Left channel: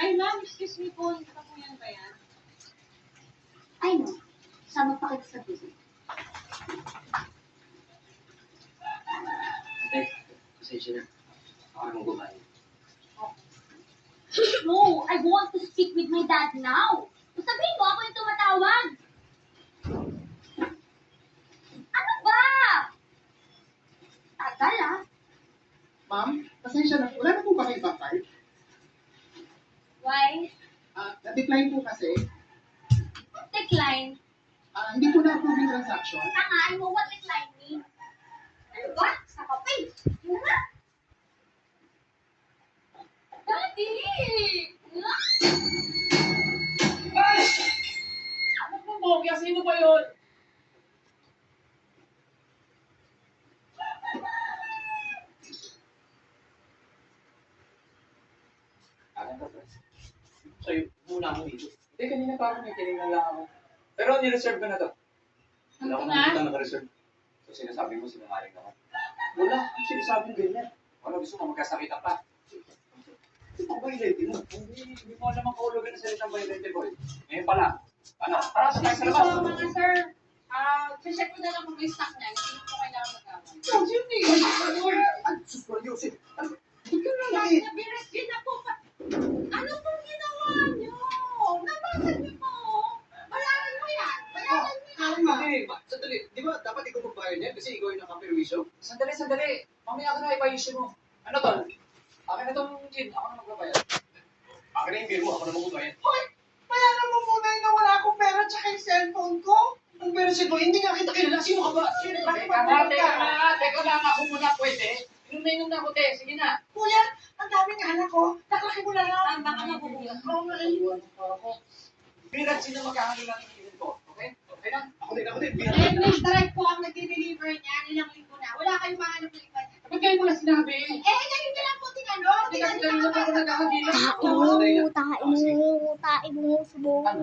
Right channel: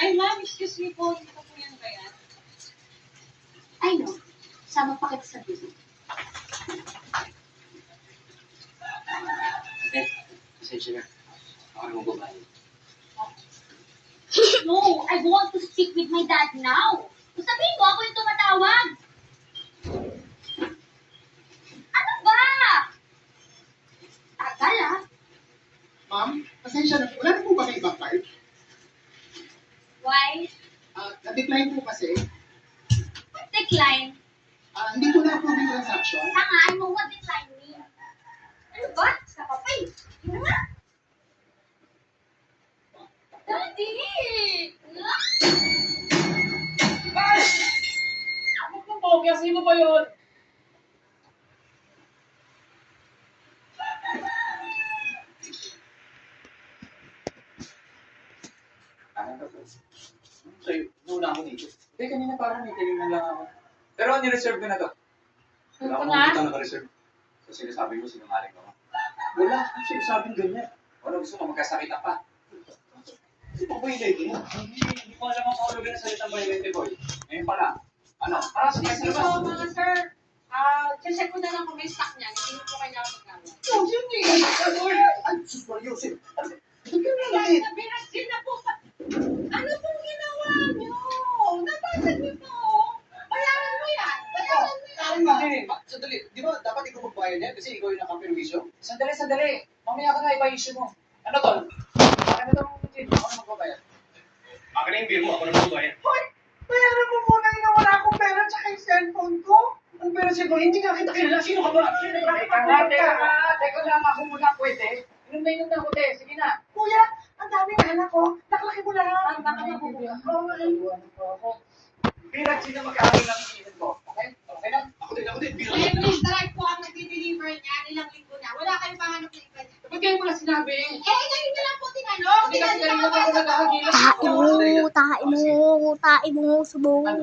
Ay, ma'am, excuse me po. Hindi pa po yan ba yan? Ay, no. Sama pa kita sa bilik. Pasensya na. Ako naman gumahin. No, I want to speak with my dad now. Sabihin mo, ako yung tumatawag. Ano ba? Tagal, ah. Ma'am, pasensya na. Wala na po ba kayo ibang card? Why? Na-decline po kasi. Decline. Hindi po na-approve yung transaction. Tanga, I know what decline means. Ano ba? Sa kapay. Yun nga. Daddy! Ay! Ano pong bogey? Sino ba yun? Akin ka, friends. So, muna ako dito. Hindi, kanina pa ako, may tinignan lang ako. Pero nireserve ko na to. Wala ko nakikita naka-reserve. So, sinasabi mo, sinungaling ako. Wala, sinasabing ganyan. Wala, gusto mo magkasakit pa. Hindi pa violate mo. Hindi mo alam ang kahulugan ng salitang violate, boy. Ngayon pala. Ano? Parang sa tayo sa labas. So, mga sir, check ko na lang kung may stock niya. Hindi po kailangan magkawin. Oh, yun eh. Ay, sus, Yusef. Hindi ka na lang eh. Nabiras na po pa. Ano pong ginawa niyo? Nabasa niyo po. Bayaran mo yan. Bayaran mo yan. Tama. Sandali, di ba dapat ikaw magbayad yan kasi ikaw yung nakaperwisyo? Sandali. Mamaya ka na ipa-issue mo. Ano to? Akin na itong kid. Ako na magbabayad. Akin na yung bill mo. Ako na magbabayad. Hoy, bayaran mo muna yung nawala akong pera tsaka yung cellphone ko. Ang pera sa'yo, hindi nga kita kilala. Sino ka ba? Teka lang. Ako muna pwede. Inom na ako, te. Sige na. Kuya, ang daming anak ko. Nakalaki mo lahat. Baka mabubuga. Oo nga eh. Birat sino magkakaroon ng iinin ko. Okay? Okay na? Ako din. Eh, Miss Drive po ang nag-deliver niya. Ilang linggo na. Wala kayong mahanap na iba niya. Ba't kayo mo na sinabi? Kanina lang po tinanong. Hindi kasi kanina pa ako nagkakagilan. Tae mo, subong.